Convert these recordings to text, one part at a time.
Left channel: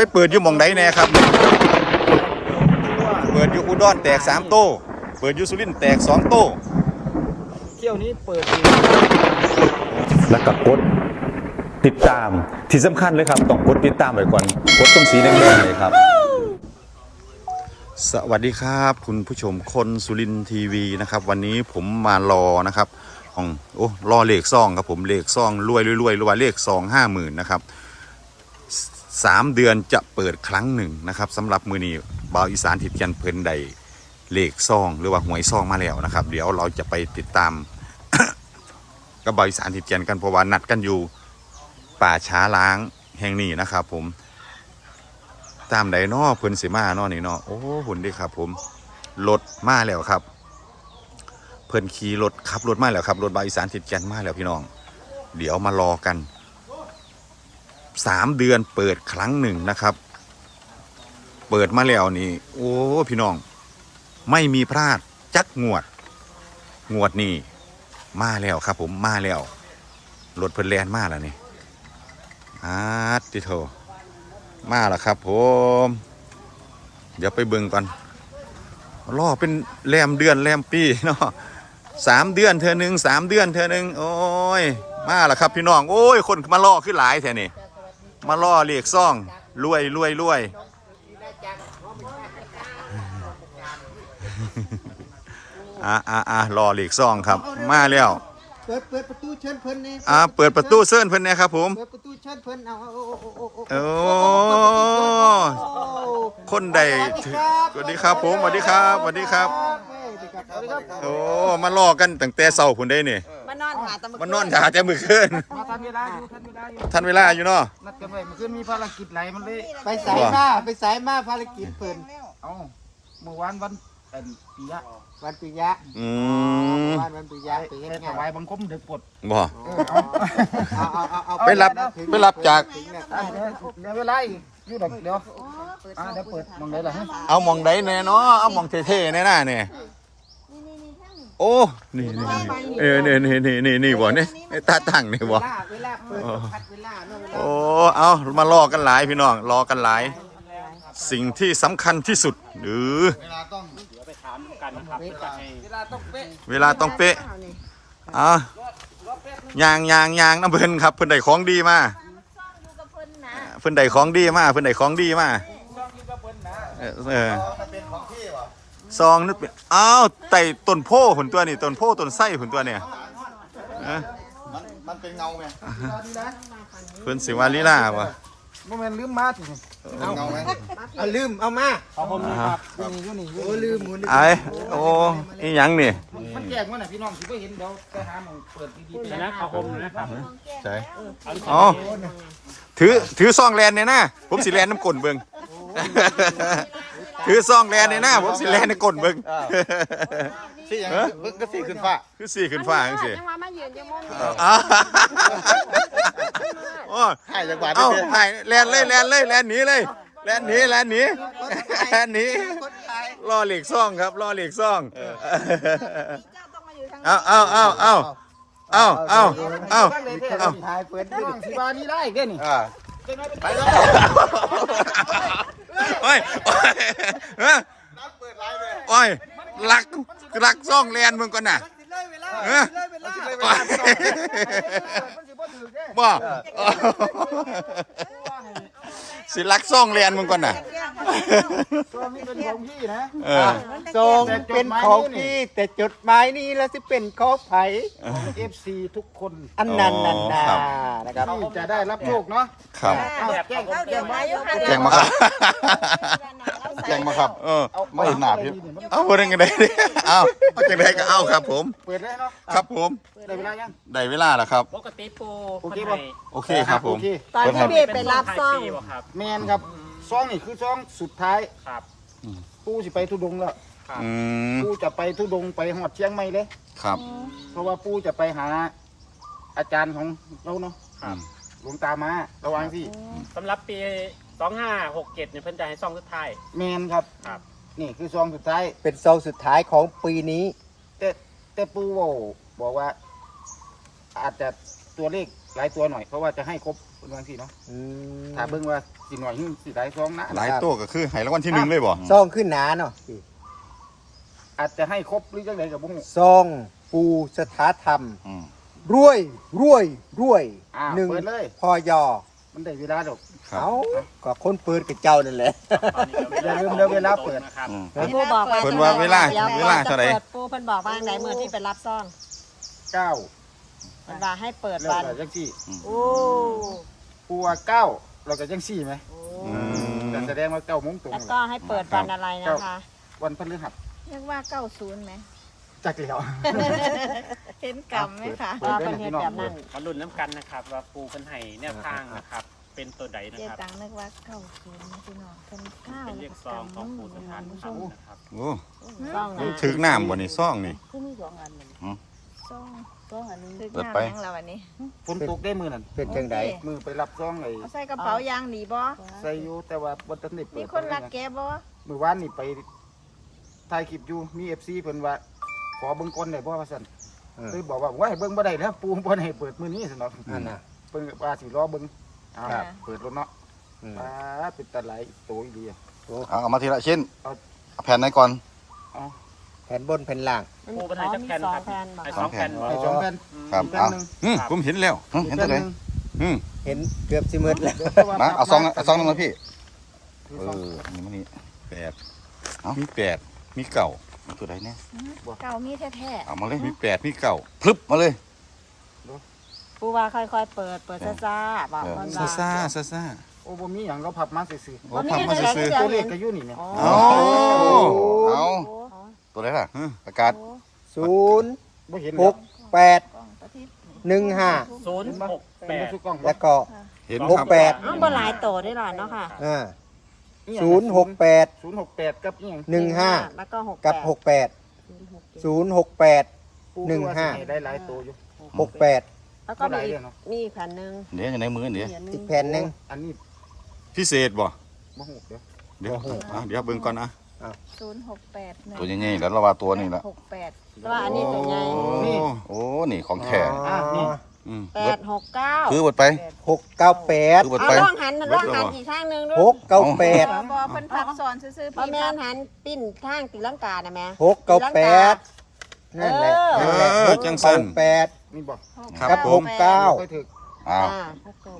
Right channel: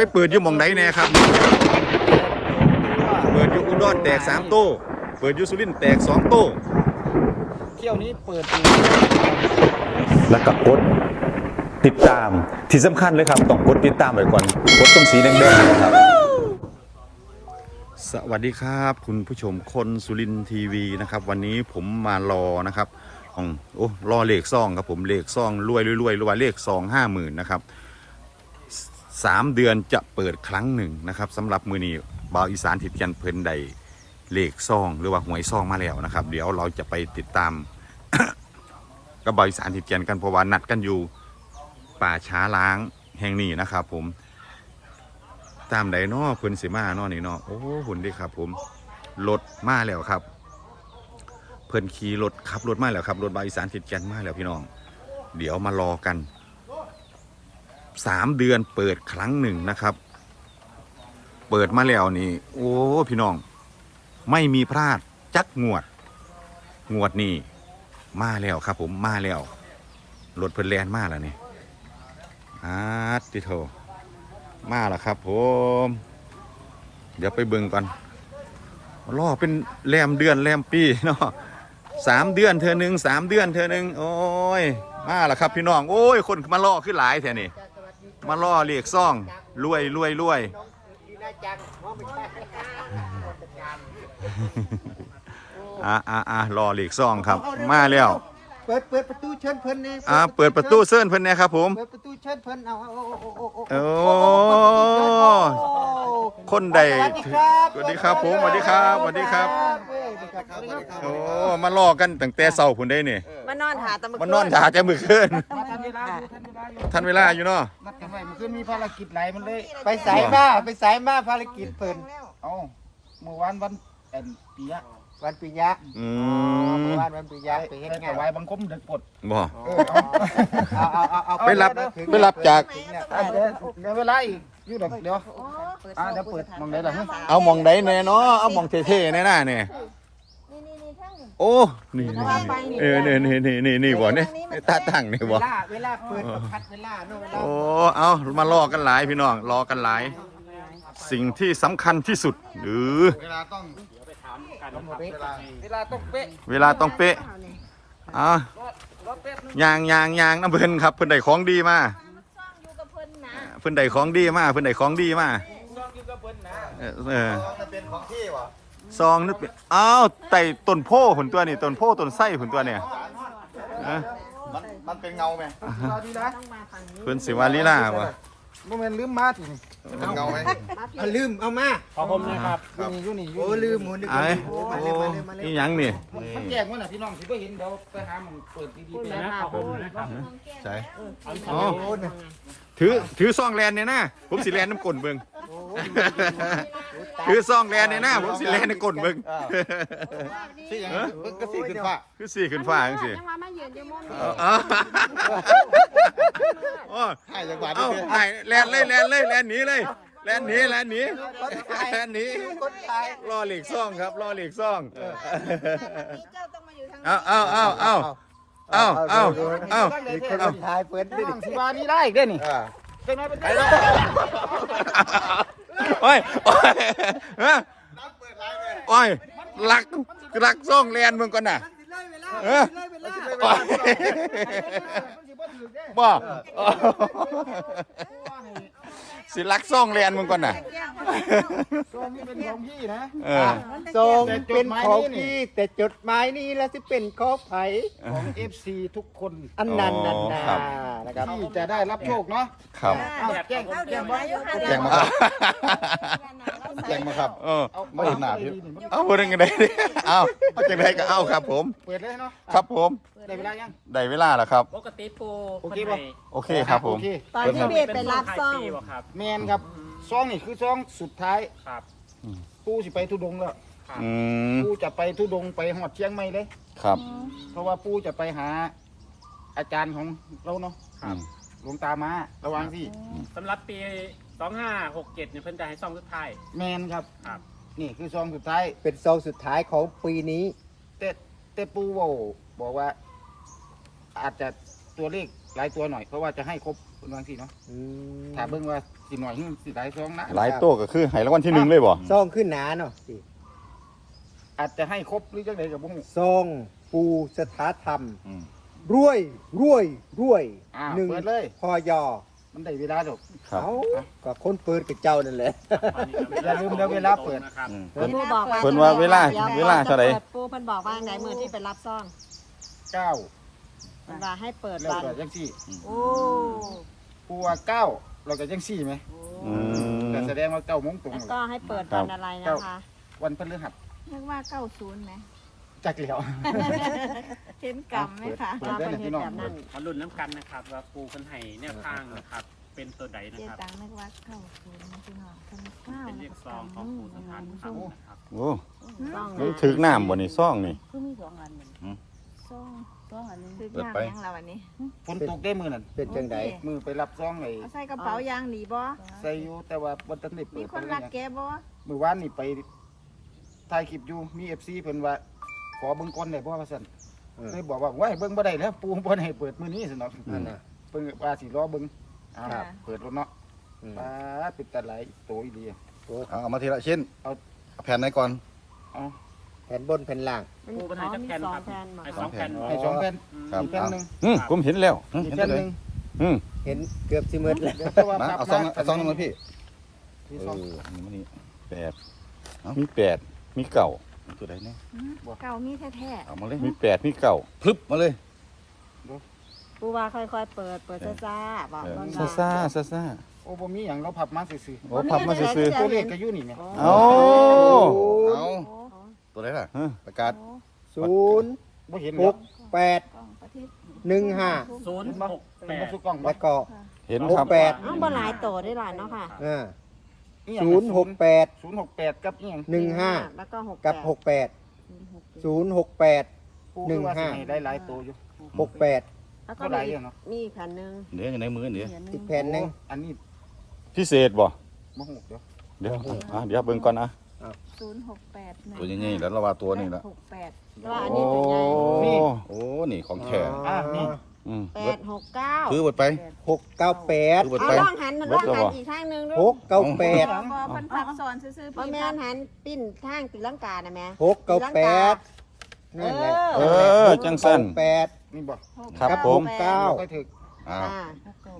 ไปเปิดอยู่หมองไหนแน่ครับ เปิดอยู่อุดรแตกสามโต้เปิดอยู่สุรินทร์แตกสองโต้เที่ยวนี้เปิดอยู่แล้วก็กดติดตามที่สำคัญเลยครับ ต้องกดติดตามไว้ก่อนกดตรงสีแดงๆเลยครับ สวัสดีครับ คุณผู้ชมคนสุรินทร์ทีวีนะครับ วันนี้ผมมารอนะครับของโอ้รอเลขซองครับผมเลขซองรวยรวยรวยรวยเลขซองห้าหมื่นนะครับ สามเดือนจะเปิดครั้งหนึ่งนะครับสำหรับมือนี้บาวอีสานทิดกันเพลินใดเลขซอง หรือว่าหวยซองมาแล้วนะครับ เดี๋ยวเราจะไปติดตาม กับบาวอีสานทิดกันกันเพราะว่านัดกันอยู่ป่าช้าล้างแห่งนี้นะครับ ผม ตามใดนอเพิ่นสิมาเนอนี่เนอโอ้หุ่นดีครับ ผมรถมาแล้วครับ เพิ่นขี่รถขับรถมาแล้วครับรถบาวอีสานติดแกนมาแล้วพี่น้อง เดี๋ยวมารอกัน สามเดือนเปิดครั้งหนึ่งนะครับ เปิดมาแล้วนี่ โอ้พี่น้อง ไม่มีพลาดจักงวด งวดนี่มาแล้วครับ ผมมาแล้วรถเพิ่นแลนมาแล้วนี่อาร์ติโทมาแล้วครับ ผม เดี๋ยวไปเบิ่งก่อนรอเป็นแรมเดือนแรมปีเนาะสามเดือนเธอหนึ่งสามเดือนเธอหนึ่งโอ้ย มาแล้วครับพี่น้อง โอ้ย คนมาล่อขึ้นหลายแท่นี่ มาล่อเรียกซ่องรวยรวยรวยอ่าอ่าอ่ารอเรียกซ่องครับ มาแล้วเปิดเปิดประตูเชิญเพิ่นนี่อ่าเปิดประตูเซิร์นเพิ่นเนี่ยครับผมเปิดประตูเชิญเพิ่นเอาเอาเอาเอาเอาโอ้คนใดสวัสดีครับผมสวัสดีครับสวัสดีครับ โอ้มาล่อกันตั้งแต่เช้าพุ่นได้เนี่มานอนหาตะมึมานอนหาแต่มื้อคืนมาทันเวลาอยู่ทันเวลาอยู่ทันเวลาอยู่เนาะ นัดกันไว้เมื่อคืนมีภารกิจหลายมันเลย ไปสายมาไปสายมาภารกิจเปิดเอ้าเมื่อวานวันเป็นปียะวันปิยะอืมวันวันปิยะไปไปไปเฮ็ดถงานวายบังคมเด็กปลดบ่เออเอาเอาเอาเอาเอาไปรับไปรับจากเอาเดี๋ยวเดี๋ยวเวลาอีกอยู่ดอกเดี๋ยวอ่าเดี๋ยวเปิดมองได้ละฮะเอาหมองใดแน่เนาะเอาหมองเท่ๆแน่น่ะเนี่ย โอ้นี่นี่นี่เออนี่นี่นี่นี่นี่บ่เนี่ยไอ้ตาตั้งนี่บ่เวลาเวลาเปิดพัดเวลาเนาะโอ้เอามารอกันหลายพี่น้องรอกันหลาย สิ่งที่สำคัญที่สุดหรือเวลาต้องเวลาต้องเป๊ะเวลาต้องเป๊ะอะยางยางยางน้ำเพิ่นครับเพิ่นได้ของดีมาอยู่กับเพิ่นนะเพิ่นได้ของดีมาเพิ่นได้ของดีมาต้องอยู่กับเพิ่นนะเออเออ ซองนึกเป็นอ้าวไต่ต้นโพผลตัวนี่ต้นโพต้นไส้ผลตัวเนี่ยเออมันเป็นเงาไหมสวัสดีนะเพิ่นสิวาลีลาวะโมเมนต์ลืมมาติเงาไหมเอาลืม เอามาอยู่นี่อยู่นี่อยู่โอ้นี่ลืมหมุนไอ้โอ้อีหยังนี่มันแจกมั้ยน่ะพี่น้องสิบ่เห็นเดี๋ยวไปหาหมองเปิดดีๆนะครับผมใช่อ๋อถือถือซองแลนเนี่ยนะผมสิแลนน้ำกลนเบิ่ง ถือซองแลนเนี่ยนะผมสิแลนในกลนเบิ่งสี่อย่างก็สี่ขึ้นฟ้าคือสี่ขึ้นฟ้าจังซี่จังหวะมายืนจังหวะเอาเอาโอ้ให้จังหวัดเอาถ่ายแลนเลยแลนเลยแลนหนีเลยแลนหนีแลนหนีแลนหนีรอเหล็กซ่องครับรอเหล็กซ่องเจ้าต้องมาอยู่ทางเอาเอาเอาเอาเอาเอาเอาเอา ถ่ายเปิดพี่น้องสิว่านี่ได้อีกเด้อนี่อ่าเป็นไงเป็นไง โอ้ยโอ้ยเฮ้ยโอ้ยหลักหลักซ่องแลนมึงก่อนน่ะ เออ โอ้ยบ่สิลักซ่องแลนมึงก่อนน่ะ ตัวนี้เป็นของพี่นะ เออ ส่งเป็นของพี่แต่จดหมายนี้แล้วสิเป็นของไผของ FC ทุกคนอันนั้นนั่นอ๋อนะครับ นะครับที่จะได้รับโชคเนาะครับอ้าวแจ้งแจ้งว่าแจ้งมาแจ้งมาครับ เออเอาไม่หนาพี่เอาพูดยังไงดิเอาเอาจังไดก็เอาครับ ผม เปิดเลยเนาะครับผม ได้เวลายัง ได้เวลาแล้วครับ ปกติปูโอเคป่ะ โอเคครับผมโอเค ตอนที่เบสไปรับซ่องปีบ่ครับแมนครับ ซองนี่คือซองสุดท้ายครับปูสิไปทุดงค์แล้วอืมปูจะไปทุดงค์ไปหอดเชียงใหม่เลย ครับ เพราะว่าปูจะไปหาอาจารย์ของเราเนาะอืม หลวงตามาระวังสิสำหรับปี 2567เนี่ยเพิ่นจะให้ซ่องสุดท้าย แมนครับ ครับ นี่คือซองสุดท้าย เป็นซองสุดท้ายของปีนี้ แต่แต่ปูบอกบอกว่า อาจจะตัวเลข หลายตัวหน่อยเพราะว่าจะให้ครบเป็นวันที่เนาะอืมถ้าเบิ่งว่าสิหน่อยหึสิได้ซองนะหลายโต๊ะก็คือให้รางวัลที่หนึ่งเลยบ่ซองขึ้นหนาเนาะอาจจะให้ครบหรือจังไดกับบุ้งซองปูสถาธรรม อืม รวยรวยรวยอ่าหนึ่งเปิดเลย พอยอมันได้เวลาดอก ครับ เอาก็คนเปิดกับเจ้านั่นแหละ อย่าลืมเดี๋ยวเวลาเปิดนะครับอืมเวลาเปิดเพิ่นว่าเวลาเวลาเท่าไหร่ปูเพิ่นบอกว่าไหนมือที่ไปรับซ่องเก้า เพิ่นว่าให้เปิดแล้ววันก็จังสี่โอ้ปูว่าเก้าเราก็จังสี่ไหมอืมแต่แสดงว่าเก้าโมงตรงแล้วแหก็ละให้เปิดวันอะไรนะคะวันพฤหัสเรียกว่าเก้าศูนย์ไหม จักเหลียวเห็นกำไหมคะเปิดได้นะพี่น้องเปิดมาลุ้นน้ำกันนะครับว่าปูเพิ่นให้แนวทางนะครับ เป็นตัวใดนะเจ๊ครับ ตังนึกว่าเก้าศูนย์พี่น้องเป็นเก้าเป็นเลขซองของปูสถานธรรมนะครับโอ้ซ่องมันถึกน้ำบ่นี่ซ่องนี่ซ่องซ่องอันนี้เปิดไปถึงหน้ายังเราอันนี้ฝนตกได้มือนั่นเป็นจังไดมือไปรับซองไอ้เอาใส่กระเป๋ายางหนีบ่ใส่อยู่แต่ว่าบ่ทันได้เปิมีดคนเลรัยกนะแกบ่มือวานนี่ไปถ่ายคลิปอยู่มี FC เพิ่นว่าขอเบิ่งก่อนได้บ่ว่าซั่นอืมเลยบอกว่าว่าให้เบิ่งบ่ได้แล้วปูบ่ให้เปิดมื้อนี้ซั่นเนาะอันน่ะเพิ่นว่าสิรอเบิ่งอ้าวครับเปิดรถเนาะอืมปาดเป็นตาหลายโตอีหลีอะเอาเอามาทีละชิ้นเอาแผ่นไหนก่อนเอาแผ่นบนแผ่นล่างปูเพิ่นให้จักแผ่นครับให้สองแผ่นให้สองแผ่นครับอีกแผ่นเอาหนึงอืมผมเห็นแล้วอืมอีกเห็นแผ่ตันวไหนหนึงอืมเห็นเกือบสิหมืดแล้วเดี๋ยวแต่ว่ามาภพเอาซองมเอาซองนึงมาพี่ถือเอซองอนี่มันนี่แปดเอามีแปดมีเก่าตัวใดเนี่ยเก่ามีแท้เอามาเลยมีแปดมีเก่าพลึบมาเลยๆปูว่าค่อยๆเปิดเปิดซ่าๆบอกเออมันซาซาซาซาโอ้บ่มีหยังเราพับมาซื่อโอ้พับมาซื้อๆตัวเลขก็อยู่นี่แหมๆเอาเอา ตัวไหนล่ะฮะประกาศศูนย์บ่เห็นหแล้วกแปดหนึ่งห้าศูนย์เห็นบ่หกแปเป็นบ่ดสุกล้องบ่แล้วก็เห็นหกครับแปดมันบ่หลายโตได้หลายเนาะค่ะอ่าอีหยังศูนย์หกแปด068กับอีหยังหนึ่งห้าแล้วก็หกกับหกแปดศูนย์หกแปดปูคือว่าหนึ่สิงห้าให้ได้หลายตัวอยู่หกแปดแล้วก็บ่หลายมีเด้อเนาะมีอีกแผ่นหนึงเดี๋ยวอยู่ในมือเดี๋ยวอีกแผ่นหนึ่งโอ้อันนี้พิเศษบ่บ่ฮู้เดี๋ยวเดี๋ยวอะเดี๋ยวเบิ่งก่อนนะ ศูนย์หกแปดตัวใหญ่ๆแล้วเราว่าตัวนี้ละหกแปดว่าอันโอ้นี้ตัวใหญ่โอ้นี่ของแท้อะนี่อืมแปเบิดดหกเก้าคือเบิดไปหกเก้าแปดคือเบิดเอาไปลองหันมันเบิลดองแล้วหันบ่กี่ข้างหนึงดูหกเก้าแปดบอเพิ่นพับซ้อนซื่อๆพี่แม่นหันปิ้นทางตีลังกาน่ะแม่หกเก้าแปดนั่นแหละเออจังสั้นหกเก้าแปดนี่บ่ครับผม เก้าเราค่อยถึกอ้าวอ่า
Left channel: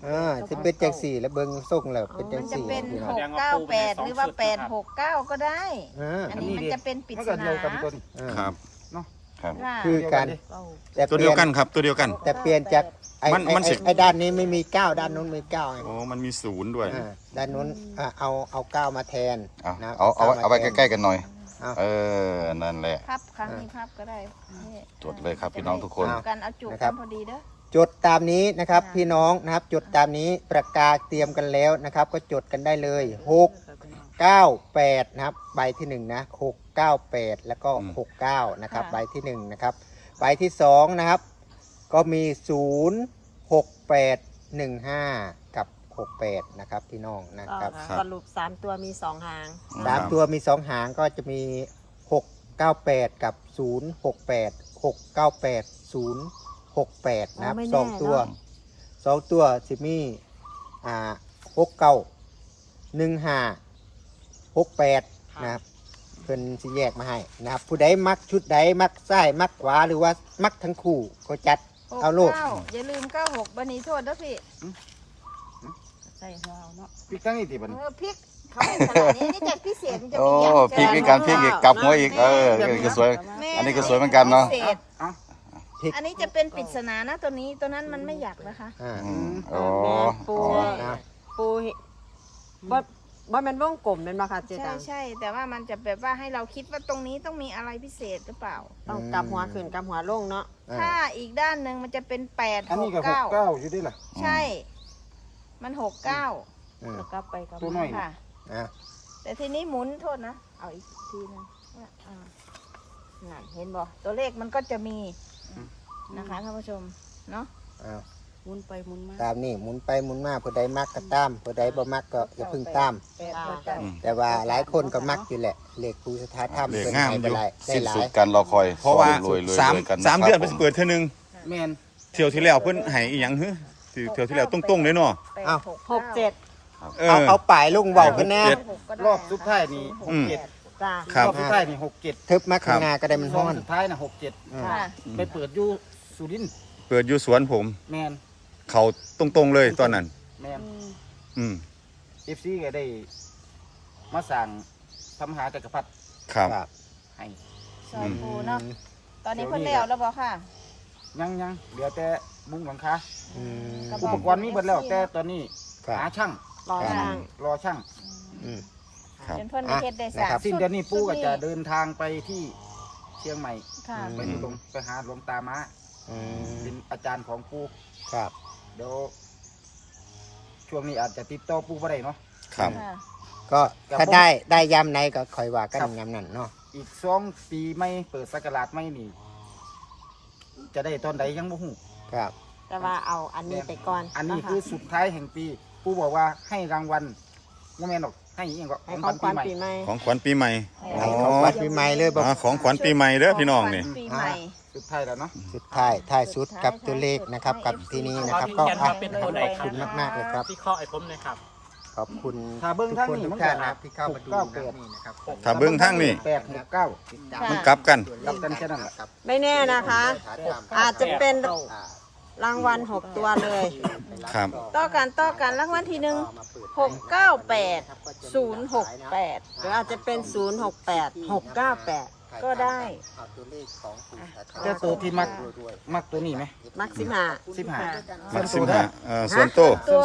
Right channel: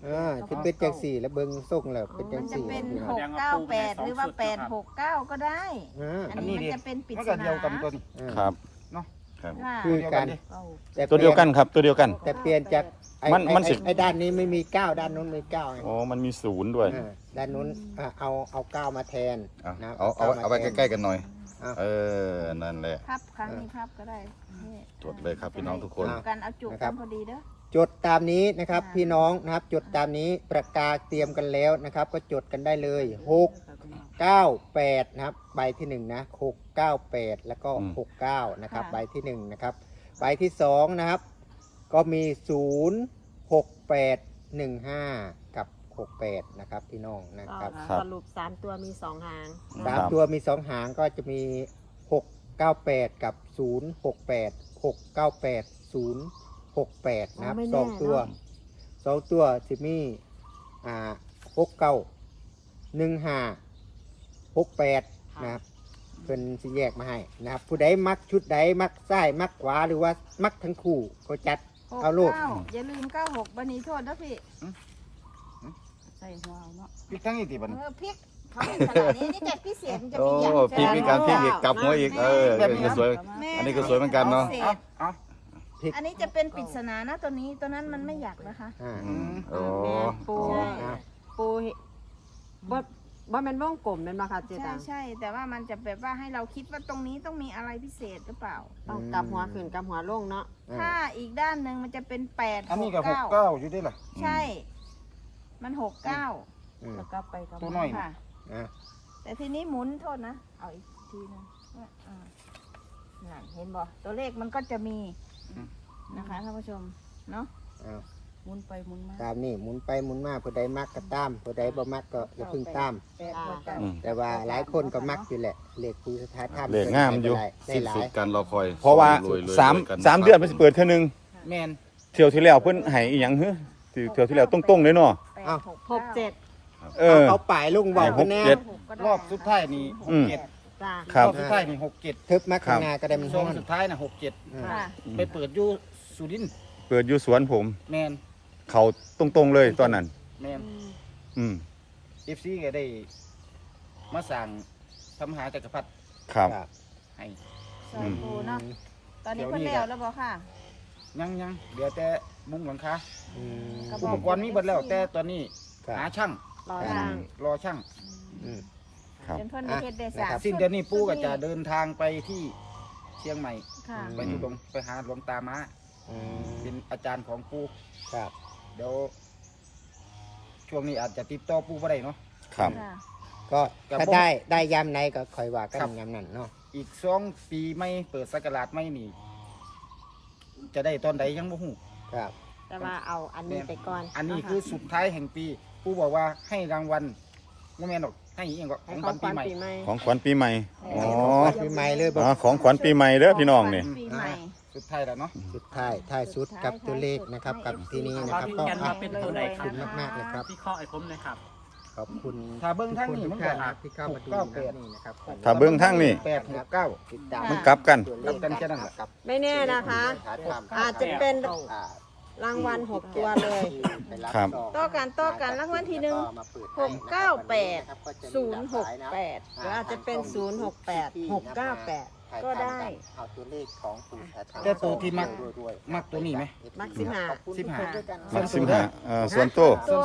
อ่าที่เป็นจังสี่แล้วเบิ่งส่งแล้วเป็นจัมังนจะสี่เป็นพี่หน้องกเก้าแปดหรือว่าแปดหกเก้าก็ได้ อ่าอันนี้มันจะเป็นปริศมันก็นาเดียวกันตัวนี้อ่าครับเนาะครับ ว่าคือเดียวกักันนดิแต่ตัวเดียวกันครับ ตัวเดียวกัน แต่เปลี่ยนจากไอ้มันมันไอ้สิ ไอ้ด้านนี้ไม่มีเก้าด้านนู้นมีเก้าไงโอ้มันมีศูนย์ด้วยอ่าด้านนู้นอ่าเอาเอาเก้ามาแทนเอานะเอาเอาไว้เอาไว้ใกล้ๆกันหน่อย เอาเออ นั่นแหละ พับครั้งนี้พับก็ได้นี่จดเลยครับพี่น้องทุกคนกันเอาจุกกันพอดีเด้อ จดตามนี้นะครับอ่าพี่น้องนะครับ จดตามนี้ประกาศเตรียมกันแล้วนะครับ ก็จดกันได้เลยหกเก้าแปดนะครับ ใบที่หนึ่งนะหกเก้าแปดแล้วก็อืมหกเก้านะครับ ใบที่หนึ่งนะครับ ใบที่สองนะครับ ก็มีศูนย์หกแปดหนึ่งห้ากับหกแปดนะครับพี่น้องนะครับครับสรุปสามตัวมีสองหาง สามตัวมีสองหางก็จะมีหกเก้าแปดกับศูนย์หกแปด หกเก้าแปดศูนย์หกแปดนะครับไม่แน่สองตัวเนอะ สองตัวสิมีอ่าหกเก้าหนึ่งห้าหกแปดนะครับเพิ่นสิแยกมาให้นะครับผู้ใดมักชุดใดมักซ้ายมักขวาหรือว่ามักทั้งคู่ก็จัด เอาลูกก้อย่าลืมเก้าหกบันนี้โทษนะพี่ใส่หัวเอาเนาะพริกทั้งนี้ติบัดเอนี้อพริกเขาเป็นขนาดนี้นี่จากพิเศษมันจะโอ้มีอย่างพลิกอีกการพลิกอีกกลับหัวอีกเอออันนี้ก็สวยแม่อันนี้ก็สวยเหมือนกันเนาะพิศเอ้าษ เอ้าอันนี้จะเป็นปริศนานะตัวนี้ตัวนั้นมันไม่อยากนะคะ อ่า อืมโอ้ปูอ๋อ ปูว่าว่ามันวงกลมเป็นมาค่ะเจใช่ตังใช่แต่ว่ามันจะแบบว่าให้เราคิดว่าตรงนี้ต้องมีอะไรพิเศษหรือเปล่า ต้องกลับหัวขึ้นกลับหัวลงเนาะอ่าถ้าอีกด้านหนึ่งมันจะเป็นแปดอันนี้ก็หกเก้าเก้าอยู่ด้วยล่ะใช่ มันหกเก้าอืม แล้วก็ไปกับตัวน้อยนี่ค่ะอ่าแต่ทีนี้หมุนโทษนะเอาอีกทีหนึงว่าอ่านั่นเห็นบ่ตัวเลขมันก็จะมี นะคะท่านผู้ชมเนาะอ่าหมุนไปหมุนมาตามนี่หมุนไปหมุนมาผู้ใดมักก็ตามผู้ใดบ่มักก็อย่าเพึ่งตาม แปดเก้าอืม แต่ว่าหลายคนก็มักอยู่แหละเลขภูสถาธรรมเลขงามอยู่ได้สิ้นหลายสุดการรอคอยเพราะว่ารวยๆสามรวยกันสามเดือนมันสิเปิดเท่านึงแมนเที่ยวที่แล้วเพิ่นให้อีหยังฮึที่เที่ยวที่แล้วตรงๆเลยเนาะแปดอ้าวหกเจ็ดเอเอาอ เอาป่ายลุงบอกกันแน่หกเจ็ด รอบสุดท้ายนี่หอืกมเจ็ด จ้าครับ รอบสุดท้ายนี่หกเจ็ดทึบมาข้างหน้าก็ได้มันซฮ้อองนสุดท้ายน่ะหกเจ็ดค่ะ ไปเปิดอยู่สุรินทร์เปิดอยู่สวนผม แมนเขาตรงๆเลยตอนนั้น แมนอืมเอฟซีก็ได้ มาสั่งทำหาจักรพรรดิครับครับให้ สาธุเนาะ ตอนนี้เพิ่นแล้วแล้วบ่ค่ะยังยังเหลือแต่มุ้งหลังคาอืม อุปกรณ์มีหมดแล้วแต่ตอนนี้ ครับ หาช่าง รออืจ้างมรอช่างอืม ครับเป็นเพิ่นอะเฮ็ดได้นะสาครัมบสิ้นเดือนนี้ปู่ก็จะเดินทางไปที่เชียงใหม่ ค่ะ ไปอยู่ตรงไปหาหลวงตามาอืมเป็นอาจารย์ของปู่ครับ เดี๋ยวช่วงนี้อาจจะติดต่อปู่บ่ได้เนาะ ครับ ค่ะก็กับถ้าผมได้ได้ยามไหนก็คอยว่ากันครับยามนั้นเนาะอีกสองปีไม่เปิดสักราชไม่นี่ จะได้ตอนใดยังบ่ฮู้ครับ แต่ว่าเอาอันนี้ไปก่อนอันนี้ะะคือสุดท้ายแห่งปี ปู่บอกว่าให้รางวัล บ่แม่นหรอกให้อีหยังก็ขให้องขขอวังญขปีวัญใหม่ปีใหม่ ของขวัญปีใหม่อ๋อปีใหม่เลยบอกอ๋อของขวัญปีใหม่เด้อพี่น้องนี่ ปีใหม่ สุดท้ายแล้วเนาะ สุดท้ายท้ายสุดกับตัวเลขนะครับกับที่นี้นะครับ ก็ยันอะมาเป็นตัวใดขอบคุณมากๆเลยครับ ที่ข้อไอ้ผมเลยครับ ขอบคุณถ้าเบิ่งทางทุกนี้คมันทุกก็ท่านนะครับที่เข้ามาดูหกเก้านะแปดนี่นะครับถ้าเบิ่งทางนี่แปดหกเก้า มันกลับกัน กลับกันแค่นั้นแหละ ไม่แน่นะคะ อาจจะเป็น รางวัลหกตัวเลยครับ ต่อกันต่อกันรางวัลที่หนึ่งหกเก้าแปดศูนย์หกแปดหรืออาจจะเป็นศูนย์หกแปดหกเก้าแปดก็ได้เอาตัวเลขของปู่แอดแต่ตัวที่มักมักตัวนี้ไหมมักสิบห้าสิบห้ามักสิบห้าเอ่อส่วนโต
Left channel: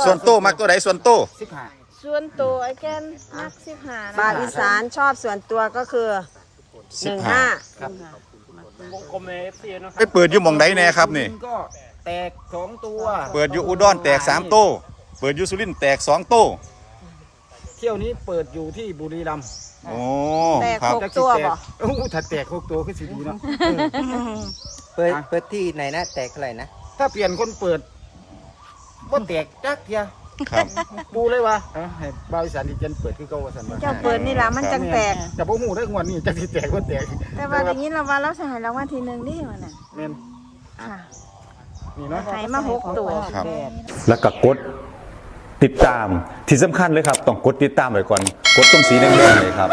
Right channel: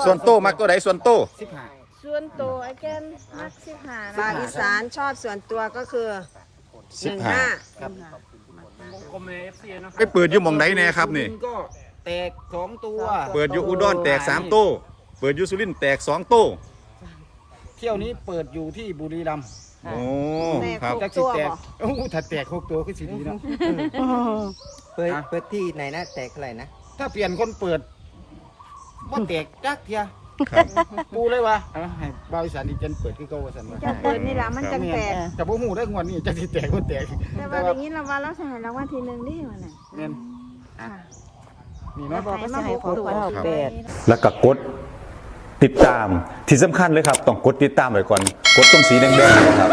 ส่วนโตมักตัวใดส่วนโตสิบห้าส่วนตัวไอ้แกนนักสิบห้าบาทอีสานชอบส่วนตัวก็คือหสิบนึ่งห้าห้าครับวงกลมเอฟซีนาะคไปรับเปิดอยู่หมองใดแน่ครับนี่สุริทก็ แตกสองตัวเปิดอยู่อุดรแตกสามโตเปิดอยู่สุรินทร์แตกสองโตเที่ยวนี้เปิดอยู่ที่บุรีรัมย์โอ้ครับจักสิแตกโอ้ถ้าแตกหกตัวคือสิดีเนาะ เปิดอะ เปิดที่ไหนนะ แตกเท่าไหร่นะ ถ้าเปลี่ยนคนเปิดบ่แตกจักเทียครับ ปูเลยว่าเออให้บ่าวอีสานที่เจนเปิดคือเก่าว่าซั่นว่าเจ้าเปิดนี่ล่ะมันจังแตก แต่บ่ฮู้ได้งวดนี้จักสิแตกบ่แตกแต่ว่าได้ยินเราว่าเราจะให้รางวัลที่หนึ่งนี่มันน่ะแม่น ค่ะ นี่เนาะให้มาหกตัวครับ แล้วก็กดติดตามที่สำคัญเลยครับ ต้องกดติดตามไว้ก่อน กดตรงสีแดงๆเลยครับ